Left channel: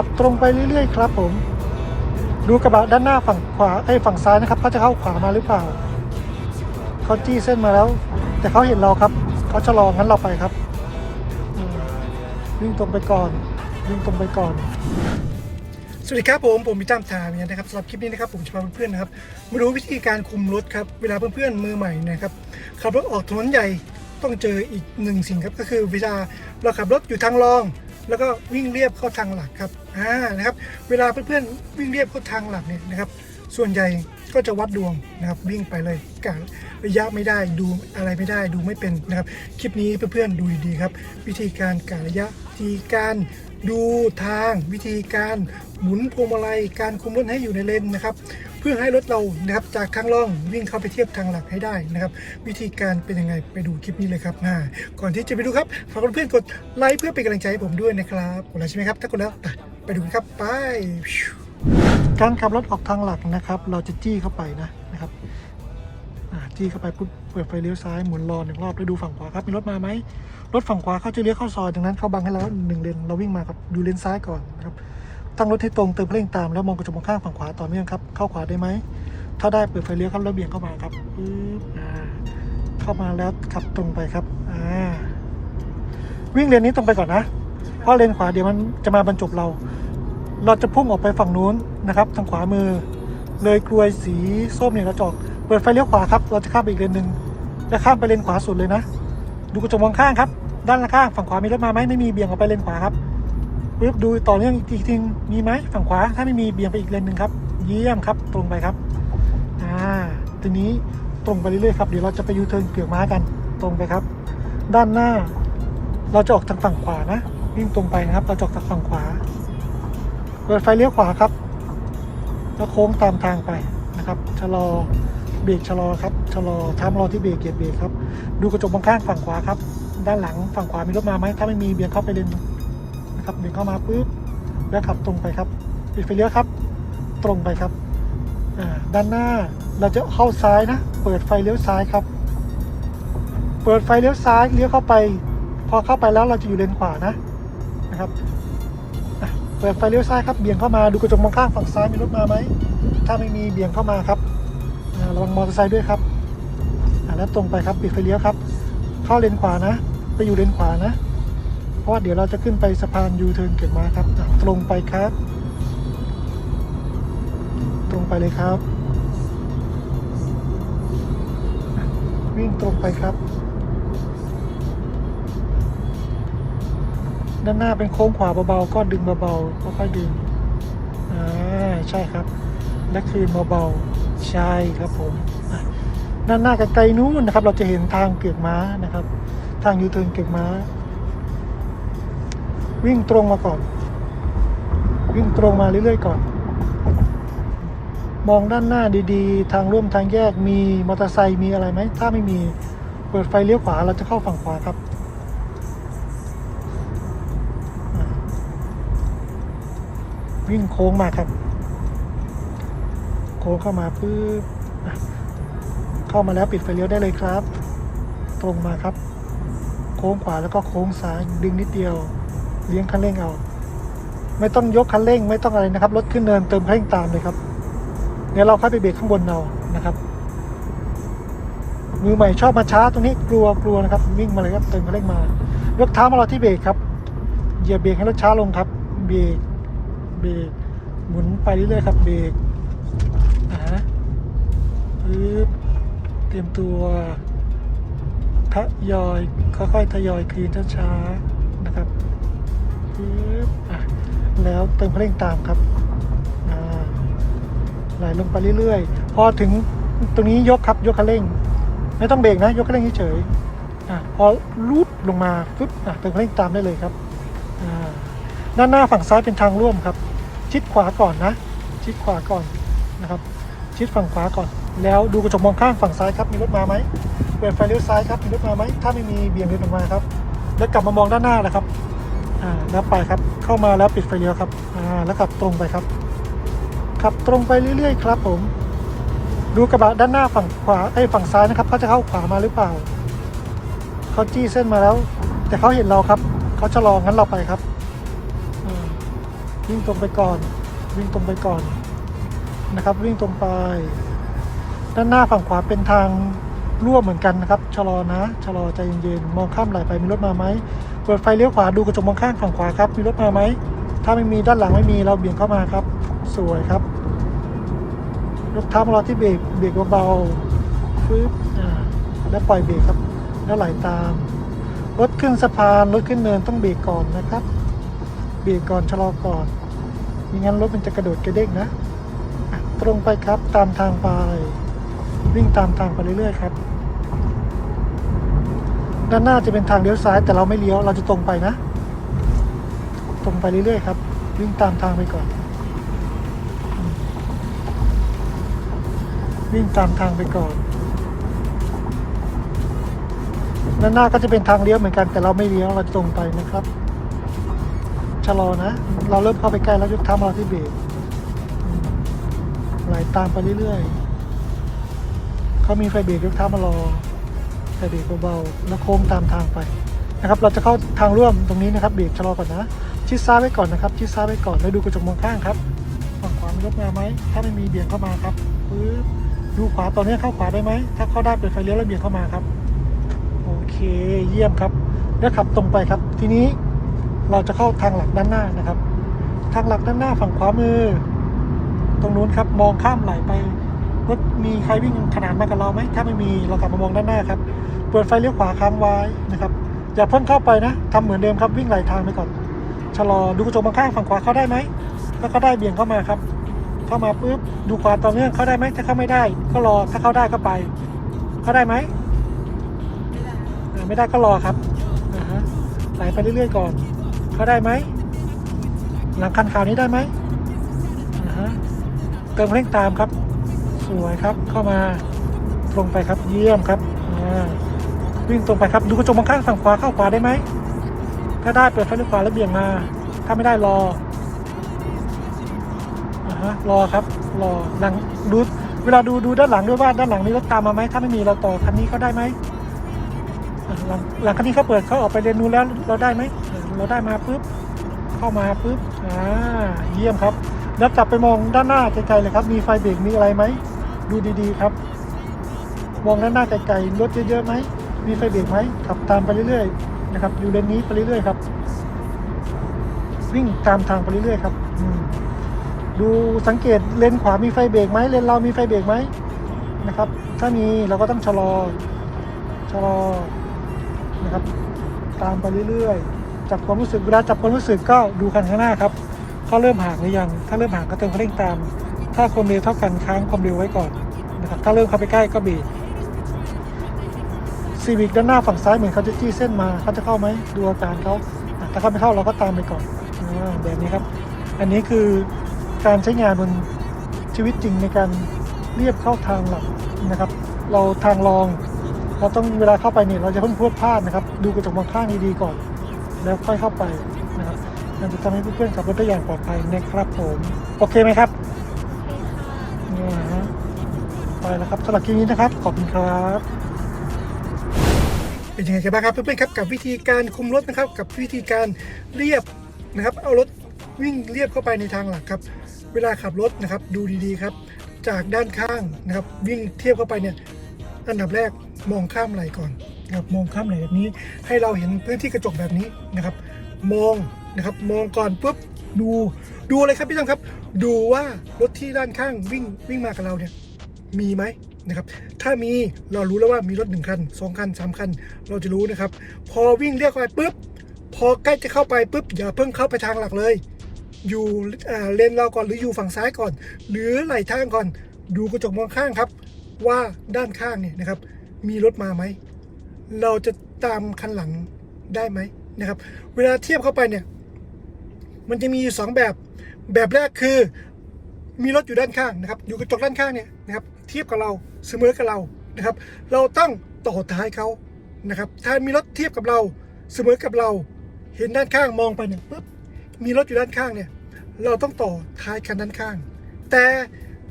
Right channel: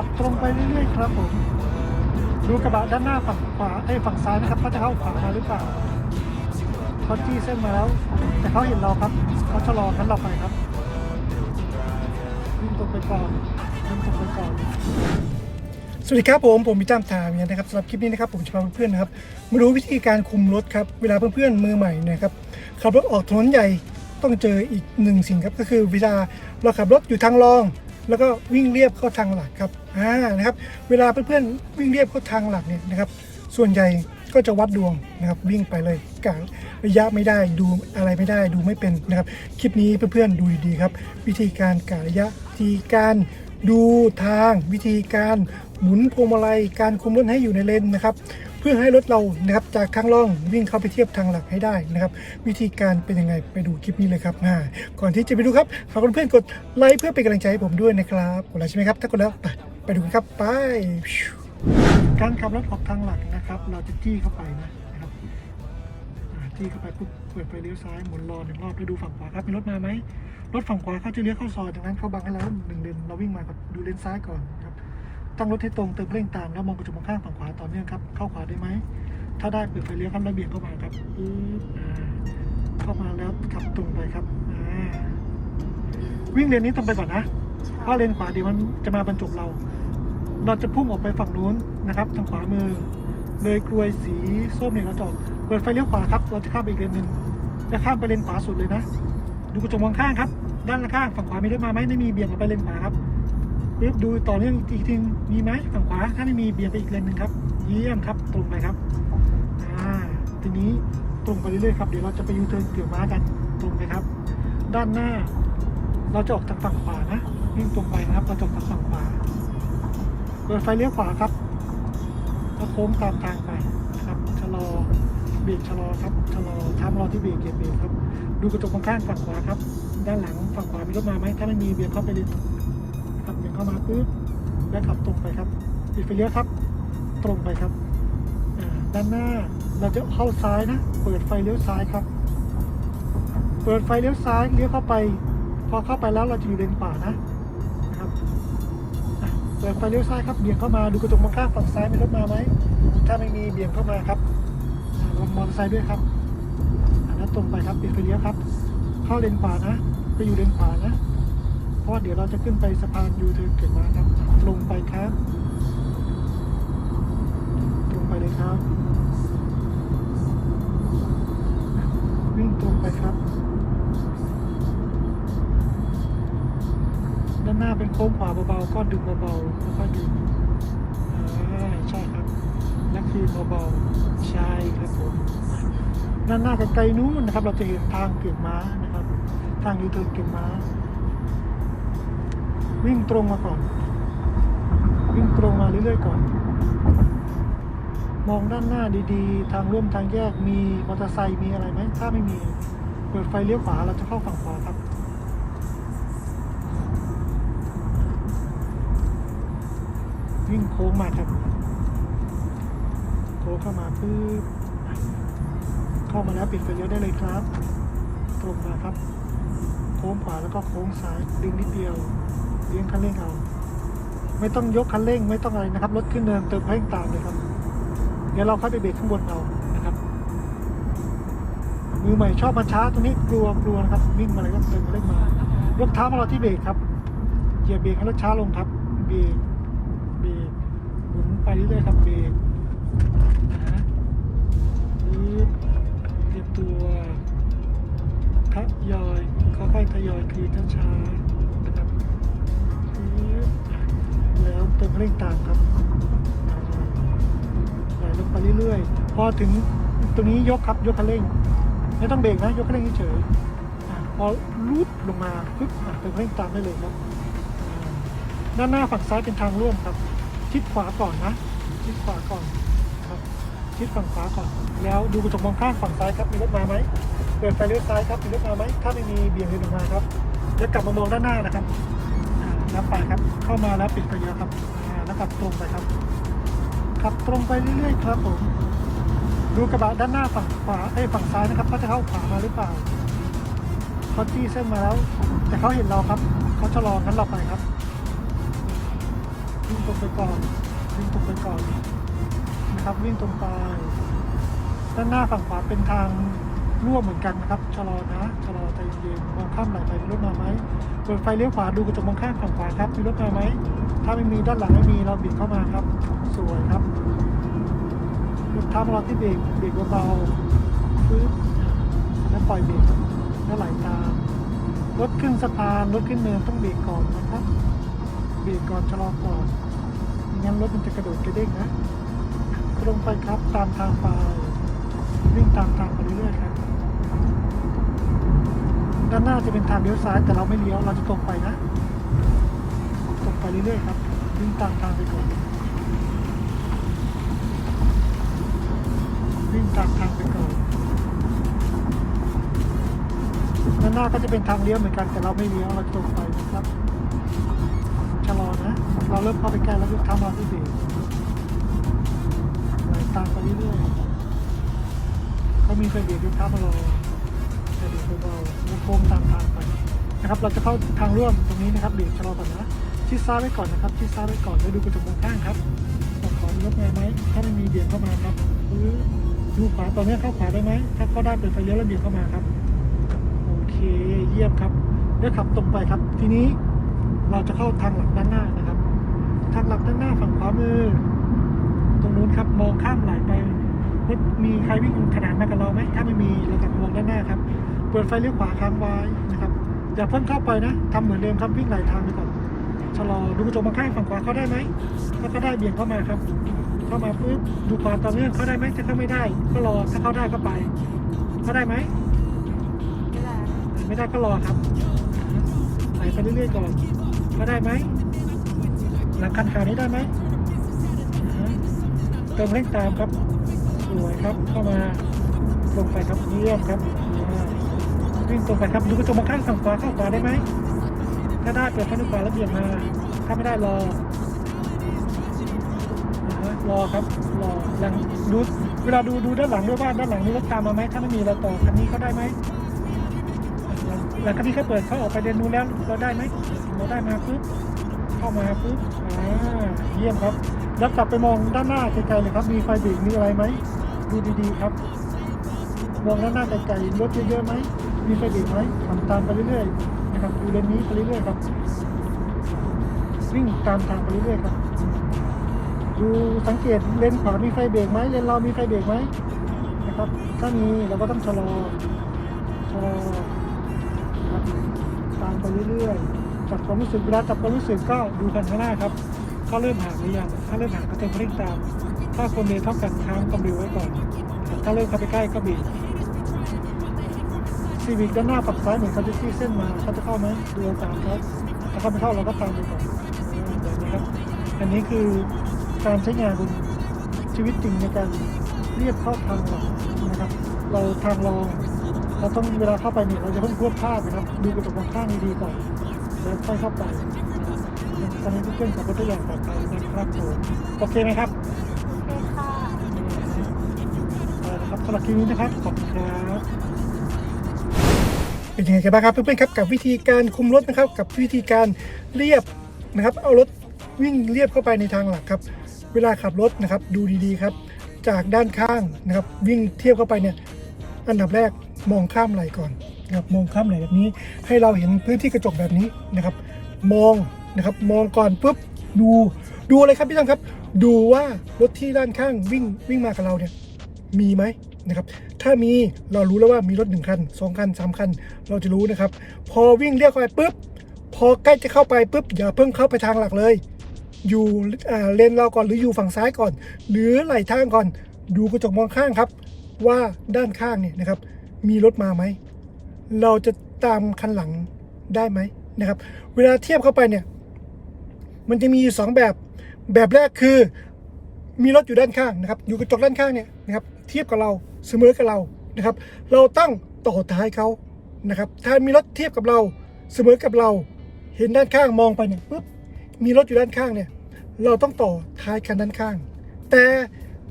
ขับตรงไปเรื่อยๆครับผม ดูกระบะด้านหน้าฝั่งขวาไอ้ฝั่งซ้ายนะครับเขาจะเข้าขวามาหรือเปล่าเขาจี้เส้นมาแล้ว แต่เขาเห็นเราครับเขาชะลองั้นเราไปครับวิ่งตรงไปก่อนวิ่งตรงไปก่อนสวัสดีครับผมผมพิจามทามเนี่ยนะครับสำหรับคลิปนี้นะครับผมจะพาเพื่อนๆนะครับมาดูวิธีการคุมรถครับเวลาเพื่อนๆมือใหม่นะครับขับรถออกถนนใหญ่ต้องเจออีกหนึ่งสิ่งครับก็คือเวลาเราขับรถอยู่ทางรอง แล้วก็วิ่งเรียบเข้าทางหลักครับอ่านะครับ เวลาเพื่อนๆวิ่งเรียบเข้าทางหลักเนี่ยนะครับ ส่วนใหญ่ก็จะวัดดวงนะครับวิ่งไปเลยกะระยะไม่ได้ดูอะไรไม่ได้ดูไม่เป็นนะครับคลิปนี้เพื่อนๆดูดีๆครับ วิธีการกะระยะวิธีการ ดูทางวิธีการหมุนพวงมาลัยการคุมรถให้อยู่ในเลนนะครับ เพื่อให้รถเรานะครับจากทางล่องวิ่งเข้าไปเทียบทางหลักให้ได้นะครับ วิธีการเป็นยังไงไปดูคลิปนี้เลยครับอ่าก่อนที่จะไปดูครับฝากเพื่อนๆกดไลค์เพื่อเป็นกำลังใจให้ผมด้วยนะครับกดไลค์ใช่ไหมครับถ้ากดแล้วไปไปดูครับไปการขับรถออกทางหลักนะครับ เราจะจี้เข้าไปนะ จี้เข้าไปปุ๊บเปิดไฟเลี้ยวซ้ายหมุนรอหนึ่งรอบแล้วดูฝั่งขวาครับมีรถมาไหมรถฝั่งขวาเขาจะเลี้ยวเข้าซอยดังนั้นเขาบังให้เราหนึ่งเลนเราวิ่งมาครับดูเลนซ้ายก่อนครับตั้งรถให้ตรงเติมเร่งตามแล้วมองกระจกมองข้างฝั่งขวาต่อเนื่องครับเข้าขวาได้ไหมถ้าได้เปิดไฟเลี้ยวครับแล้วเบี่ยงเข้ามาครับอ่าเข้ามาแล้วขับตรงไปครับอ่าวิ่งเลนนี้ตรงไปก่อนนะเพราะเลนขวาเดี๋ยวมันจะมาบรรจบเรา เราจะพุ่งออกไปฝั่งนู้นนะครับ ทางขวามือ เลยกลวยสีส้มเนี่ยกระจก เปิดไฟเลี้ยวขวาครับ เราจะข้ามไปอีกเลนหนึ่งจะข้ามไปเลนขวาสุดเลยนะ ดูกระจกมองข้างครับ ด้านข้างฝั่งขวามีรถมาไหมไม่มีเบี่ยงออกไปเลนขวาครับปึ๊บดูต่อเนื่องอีกทีมีไหมฝั่งขวา ถ้าไม่มีเบี่ยงไปอีกเลนหนึ่งครับ เยี่ยมครับ ตรงไปครับ อ่า ทีนี้ตรงไปเรื่อยๆครับ เดี๋ยวเราจะไปยูเทิร์นเกี่ยวม้ากัน ตรงไปครับ ด้านหน้า เราจะออกทางฝั่งขวานะ วิ่งตรงไปนะครับ เราจะออกทางฝั่งขวา เปิดไฟเลี้ยวขวาครับ แล้วโค้งตามทางไปนะครับ ชะลอ เบรกชะลอครับชะลอทามรอที่เบรกเกียร์เบรกครับ ดูกระจกมองข้างฝั่งขวาครับ ด้านหลังฝั่งขวามีรถมาไหมถ้าไม่มีเบี่ยงเข้าไปเลนครับเบี่ยงเข้ามาปุ๊บแล้วขับตรงไปครับปิดไฟเลี้ยวครับ ตรงไปครับด้านหน้าเราจะเข้าซ้ายนะ เปิดไฟเลี้ยวซ้ายครับ เปิดไฟเลี้ยวซ้ายเลี้ยวเข้าไป พอเข้าไปแล้วเราจะอยู่เลนขวานะนะครับเปิดไฟเลี้ยวซ้ายครับเบี่ยงเข้ามาดูกระจกมองข้างฝั่งซ้ายมีรถมาไหมถ้าไม่มีเบี่ยงเข้ามาครับ ระวังมอเตอร์ไซค์ด้วยครับอ่าแล้วตรงไปครับปิดไฟเลี้ยวครับ เข้าเลนขวานะ ไปอยู่เลนขวานะ เพราะว่าเดี๋ยวเราจะขึ้นไปสะพานยูเทิร์นเก็บมาครับ ตรงไปครับ ตรงไปเลยครับ วิ่งตรงไปครับ ด้านหน้าเป็นโค้งขวาเบาๆก็ดึงเบาๆค่อยๆดึงอ่าใช่ครับ และคืนเบาๆใช่ครับผมด้านหน้าไกลๆนู้นนะครับ เราจะเห็นทางเก็บม้านะครับ ทางยูเทิร์นเก็บม้า วิ่งตรงมาก่อน วิ่งตรงมาเรื่อยๆก่อน มองด้านหน้าดีๆ ทางร่วมทางแยกมีมอเตอร์ไซค์มีอะไรไหมถ้าไม่มีเปิดไฟเลี้ยวขวาเราจะเข้าฝั่งขวาครับวิ่งโค้งมาครับ ค้งเข้ามาปุ๊บเข้ามาแล้วปิดไฟเลี้ยวได้เลยครับ ตรงมาครับ โค้งขวาแล้วก็โค้งซ้ายดึงนิดเดียว เลี้ยงคันเร่งเอา ไม่ต้องยกคันเร่งไม่ต้องอะไรนะครับ รถขึ้นเนินเติมเร่งตามเลยครับ เดี๋ยวเราค่อยไปเบรกข้างบนเรานะครับ มือใหม่ชอบมาช้าตรงนี้กลัวกลัวนะครับวิ่งมาเลยครับเติมคันเร่งมายกเท้ามาเรอที่เบรกครับเหยียบเบรกให้รถช้าลงครับ เบรกเบรกหมุนไปเรื่อยๆครับเบรก เตรียมตัวทยอยค่อยๆทยอยคลีนช้าๆนะครับปึ๊บอะแล้วเติมคันเร่งตามครับไหลลงไปเรื่อยๆ พอถึงตรงนี้ยกครับยกคันเร่ง ไม่ต้องเบรกนะ ยกคันเร่งเฉยๆพอลูดลงมาปึ๊บเติมคันเร่งตามได้เลยครับด้านหน้าฝั่งซ้ายเป็นทางร่วมครับ ชิดขวาก่อนนะ ชิดขวาก่อนนะครับ ชิดฝั่งขวาก่อน แล้วดูกระจกมองข้างฝั่งซ้ายครับมีรถมาไหมเปิดไฟเลี้ยวซ้ายครับมีรถมาไหมถ้าไม่มีเบี่ยงเดินออกมาครับ แล้วกลับมามองด้านหน้านะครับอ่าแล้วไปครับเข้ามาแล้วปิดไฟเลี้ยวครับอ่าแล้วกลับตรงไปครับขับตรงไปเรื่อยๆครับผม ดูกระบะด้านหน้าฝั่งขวาไอ้ฝั่งซ้ายนะครับเขาจะเข้าขวามาหรือเปล่าเขาจี้เส้นมาแล้ว แต่เขาเห็นเราครับเขาชะลองั้นเราไปครับวิ่งตรงไปก่อนวิ่งตรงไปก่อน นะครับ วิ่งตรงไป ด้านหน้าฝั่งขวาเป็นทางร่วมเหมือนกันนะครับชะลอนะชะลอใจเย็นๆมองข้ามไหลไปมีรถมาไหมเปิดไฟเลี้ยวขวาดูกระจกมองข้างฝั่งขวาครับมีรถมาไหมถ้าไม่มีด้านหลังไม่มีเราเบี่ยงเข้ามาครับ สวยครับยกเท้ามาเราที่เบรกเบรกเบาๆปึ๊บแล้วปล่อยเบรกครับ แล้วไหลตามรถขึ้นสะพานรถขึ้นเนินต้องเบรกก่อนนะครับ เบรกก่อนชะลอก่อนไม่งั้นรถมันจะกระโดดกระเด้งนะ ตรงไปครับตามทางไปวิ่งตามทางไปเรื่อยๆครับ ด้านหน้าจะเป็นทางเลี้ยวซ้ายแต่เราไม่เลี้ยวเราจะตรงไปนะ ตรงไปเรื่อยๆครับ วิ่งตามทางไปก่อน วิ่งตามทางไปก่อนด้านหน้าก็จะเป็นทางเลี้ยวเหมือนกันแต่เราไม่เลี้ยวเราตรงไปนะครับชะลอนะ เราเริ่มเข้าไปใกล้แล้วยกเท้ามาที่เบรก ตามไปเรื่อยๆเขามีไฟเบรกยกเท้ามารอไฟเบรกเบาๆแล้วโค้งตามทางไปนะครับ เราจะเข้าทางร่วมตรงนี้นะครับเบรกชะลอก่อนนะชิดซ้ายไว้ก่อนนะครับชิดซ้ายไว้ก่อนแล้วดูกระจกมองข้างครับฝั่งขวามีรถมาไหมถ้าไม่มีเบี่ยงเข้ามาครับดูขวาตอนนี้เข้าขวาได้ไหมถ้าเข้าได้เปิดไฟเลี้ยวแล้วเบี่ยงเข้ามาครับโอเคเยี่ยมครับแล้วขับตรงไปครับ ทีนี้เราจะเข้าทางหลักด้านหน้านะครับ ทางหลักด้านหน้าฝั่งขวามือ ตรงนู้นครับ มองข้ามไหลไปรถมีใครวิ่งขนานมากับเราไหมถ้าไม่มีเรากลับมามองด้านหน้าครับเปิดไฟเลี้ยวขวาค้างไว้นะครับอย่าเพิ่งเข้าไปนะทำเหมือนเดิมครับวิ่งไหลทางไปก่อนชะลอดูกระจกมองข้างฝั่งขวาเข้าได้ไหมแล้วก็ได้เบี่ยงเข้ามาครับเข้ามาปุ๊บดูขวาต่อเนื่องเข้าได้ไหมถ้าเข้าไม่ได้ ก็รอถ้าเข้าได้ก็ไป เข้าได้ไหมไม่ได้ก็รอครับอ่าฮะไหลไปเรื่อยๆก่อนเขาได้ไหมหลังคันขาวนี้ได้ไหม เติมเร่งตามครับสวยครับเข้ามาตรงไปครับเยี่ยมครับวิ่งตรงไปครับดูกระจกมองข้างฝั่งขวาเข้าขวาได้ไหมถ้าได้เปิดไฟเลี้ยวขวาแล้วเบี่ยงมา ถ้าไม่ได้รอฮะรอครับรอหลังดูเวลาดูดูด้านหลังด้วยว่าด้านหลังนี้รถตามมาไหมถ้าไม่มีเราต่อคันนี้ก็ได้ไหมหลังหลังคันนี้เขาเปิดเขาออกไปเรียนรู้แล้วเราได้ไหมเราได้มาปุ๊บเข้ามาปุ๊บอ่าเยี่ยมครับ แล้วกลับไปมองด้านหน้าไกลๆเลยครับ มีไฟเบรกมีอะไรไหมดูดีๆครับ มองด้านหน้าไกลๆรถเยอะๆไหมมีไฟเบรกไหมขับตามไปเรื่อยๆนะครับดูเลนนี้ไปเรื่อยๆครับวิ่งตามทางไปเรื่อยๆครับดูสังเกตเลนขวามีไฟเบรกไหมเลนเรามีไฟเบรกไหมนะครับ ถ้ามีเราก็ต้องชะลอชะลอนะครับตามไปเรื่อยๆจับความรู้สึกเวลาจับความรู้สึกก็ดูคันข้างหน้าครับ ถ้าเริ่มห่างหรือยัง ถ้าเริ่มห่างก็เติมคันเร่งตาม ถ้าความเร็วเท่ากันค้างความเร็วไว้ก่อนนะครับถ้าเริ่มเข้าไปใกล้ก็บรกซีวิกด้านหน้าฝั่งซ้ายเหมือนเขาจะจี้เส้นมาเขาจะเข้าไหมดูอาการเขาถ้าเขาไม่เข้าเราก็ตามไปก่อนแบบนี้ครับ อันนี้คือการใช้งานบนชีวิตจริงในการเรียบเข้าทางหลักนะครับ เราทางรองเราต้องเวลาเข้าไปเนี่ยเราจะเพิ่งพวดพลาดนะครับ ดูกระจกมองข้างดีๆก่อน แล้วค่อยเข้าไป นะครับมันจะทำให้เพื่อนๆขับรถได้อย่างปลอดภัยนะครับผมโอเคไหมครับเนี่ยนะฮะไปแล้วครับสำหรับคลิปนี้นะครับ ขอบคุณครับ เป็นยังไงกันบ้างครับเพื่อนๆครับกับวิธีการคุมรถนะครับ กับวิธีการเรียบนะครับ เอารถวิ่งเรียบเข้าไปในทางหลักครับ เวลาขับรถนะครับ ดูดีๆครับ จากด้านข้างนะครับ วิ่งเทียบเข้าไปเนี่ยอันดับแรกมองข้ามไหลก่อนนะครับมองข้ามไหลแบบนี้ ให้เราเห็นพื้นที่กระจกแบบนี้นะครับ มอง นะครับ มองก่อนปุ๊บดูดูอะไรครับพี่ตั้มครับ ดูว่ารถที่ด้านข้างวิ่งวิ่งมากับเราเนี่ยมีไหมนะครับ ถ้ามีเรารู้แล้วว่ามีรถหนึ่งคันสองคันสามคัน เราจะรู้นะครับ พอวิ่งเรียกเข้าไปปุ๊บพอใกล้จะเข้าไปปุ๊บอย่าเพิ่งเข้าไปทางหลักเลย อยู่เลนเราก่อนหรืออยู่ฝั่งซ้ายก่อน หรือไหลทางก่อน ดูกระจกมองข้างครับ ว่าด้านข้างเนี่ยนะครับ มีรถมาไหมเราจะตามคันหลังได้ไหมนะครับ เวลาเทียบเข้าไปเนี่ย มันจะมีอยู่สองแบบ แบบแรกคือมีรถอยู่ด้านข้างนะครับอยู่กระจกด้านข้างเนี่ยนะครับเทียบกับเราเสมอกับเรานะครับ เราต้องต่อท้ายเขานะครับถ้ามีรถเทียบกับเราเสมอกับเรา เห็นด้านข้างมองไปเนี่ยปุ๊บมีรถอยู่ด้านข้างเนี่ยเราต้องต่อท้ายคันด้านข้าง แต่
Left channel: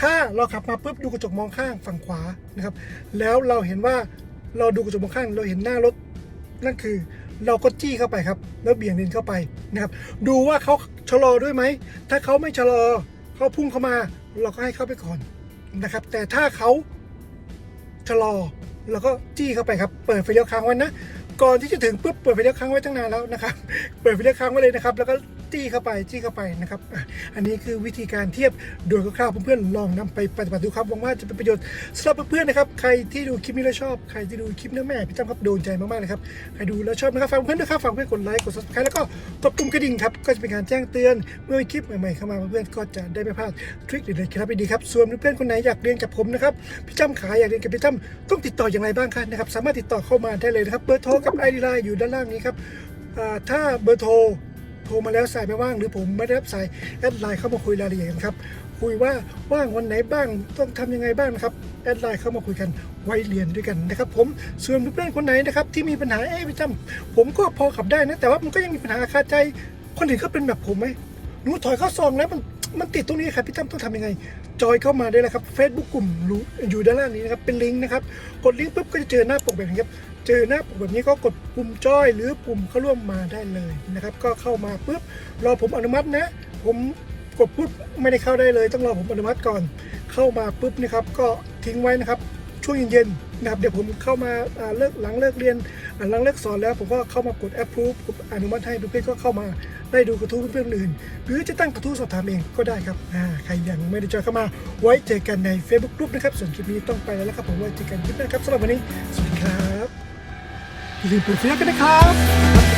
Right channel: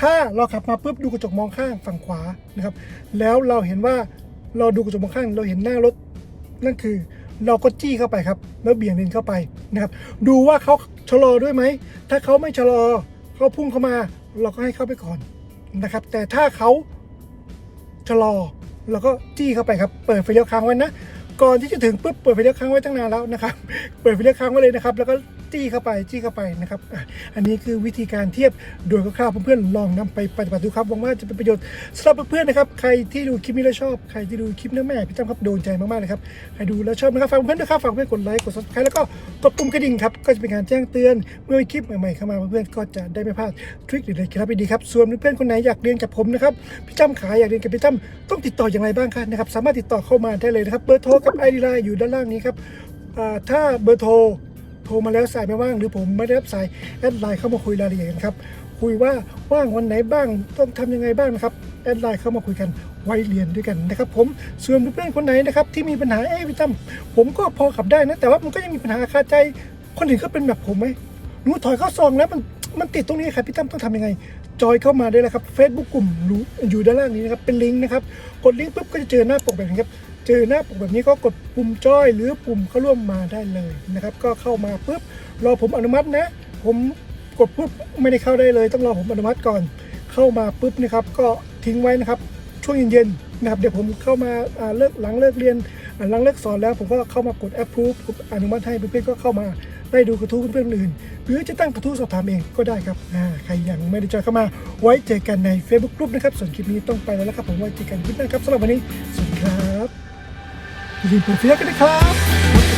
ถ้าเราขับมาปุ๊บดูกระจกมองข้างฝั่งขวานะครับ แล้วเราเห็นว่าเราดูกระจกมองข้าง เราเห็นหน้ารถนั่นคือ เราก็จี้เข้าไปครับ แล้วเบี่ยงเลนเข้าไปนะครับ ดูว่าเขาชะลอด้วยไหม ถ้าเขาไม่ชะลอเขาพุ่งเข้ามา เราก็ให้เข้าไปก่อนนะครับ แต่ถ้าเขาชะลอเราก็จี้เข้าไปครับ เปิดไฟเลี้ยวค้างไว้นะ ก่อนที่จะถึงปุ๊บเปิดไฟเลี้ยวค้างไว้ตั้งนานแล้วนะครับ เปิดไฟเลี้ยวค้างไว้เลยนะครับ แล้วก็จี้เข้าไปจี้เข้าไปนะครับอะอันนี้คือวิธีการเทียบโดยคร่าวๆเพื่อนๆลองนำไปปฏิบัติดูครับหวังว่าจะเป็นประโยชน์สำหรับเพื่อนๆนะครับ ใครที่ดูคลิปนี้แล้วชอบใครที่ดูคลิปนี้แม่พี่จ้ำครับโดนใจมากๆเลยครับใครดูแล้วชอบนะครับฝากเพื่อนๆด้วยครับฝากเพื่อนๆกดไลค์กด subscribe แล้วก็กดปุ่มกระดิ่งครับก็จะเป็นการแจ้งเตือนเมื่อคลิปใหม่ๆเข้ามาเพื่อนๆก็จะได้ไม่พลาดทริคหรือเคล็ดลับดีครับส่วนเพื่อนๆคนไหนอยากเรียนกับผมนะครับพี่จ้ำขาอยากเรียนกับพี่จ้ำต้องติดต่ออย่างไรบ้างครับนะครับสามารถติดต่อเข้ามาได้เลยนะครับเบอร์โทรกับไอดีไลน์อยู่ด้านล่างนี้ครับถ้าเบอร์โทร โทรมาแล้วสายไม่ว่าง หรือผมไม่ได้รับสายแอดไลน์เข้ามาคุยรายละเอียดครับคุยว่าว่างวันไหนบ้างต้องทำยังไงบ้างครับแอดไลน์เข้ามาคุยกันไว้เรียนด้วยกันนะครับผมส่วนเพื่อนๆคนไหนนะครับที่มีปัญหาเอ๊ะพี่ตั้มผมก็พอขับได้นะแต่ว่ามันก็ยังมีปัญหาคาใจคนอื่นก็เป็นแบบผมไหมหนูถอยเข้าซองแล้วมันมันติดตรงนี้ครับพี่ตั้มต้องทำยังไง จอยเข้ามาได้เลยครับ Facebook กลุ่มรู้อยู่ด้านล่างนี้นะครับเป็นลิงก์นะครับกดลิงก์ปุ๊บก็จะเจอหน้าปกแบบนี้ครับ เจอหน้าปกแบบนี้ก็กดปุ่มจอยหรือปุ่มเข้าร่วมมาได้เลยนะครับ ก็เข้ามาปุ๊บรอผมอนุมัตินะ ผมกดปุ๊บไม่ได้เข้าได้เลย ต้องรอผมอนุมัติก่อน เข้ามาปุ๊บนะครับก็ทิ้งไว้นะครับช่วงเย็นๆนะครับเดี๋ยวผมเข้ามาเลิกหลังเลิกเรียนหลังเลิกสอนแล้ว ผมก็เข้ามากด approve อนุมัติให้เพื่อนๆก็เข้ามาได้ดูกระทู้เพื่อนๆอื่น หรือจะตั้งกระทู้สอบถามเองก็ได้ครับใครยังไม่ได้จอยเข้ามาไว้เจอกันใน Facebook กลุ่มนะครับส่วนคลิปนี้ต้องไปแล้วครับผมไว้เจอกันคลิปหน้าครับสำหรับวันนี้สวัสดี รับอย่าลืมเปิดเสียงกันนะครับ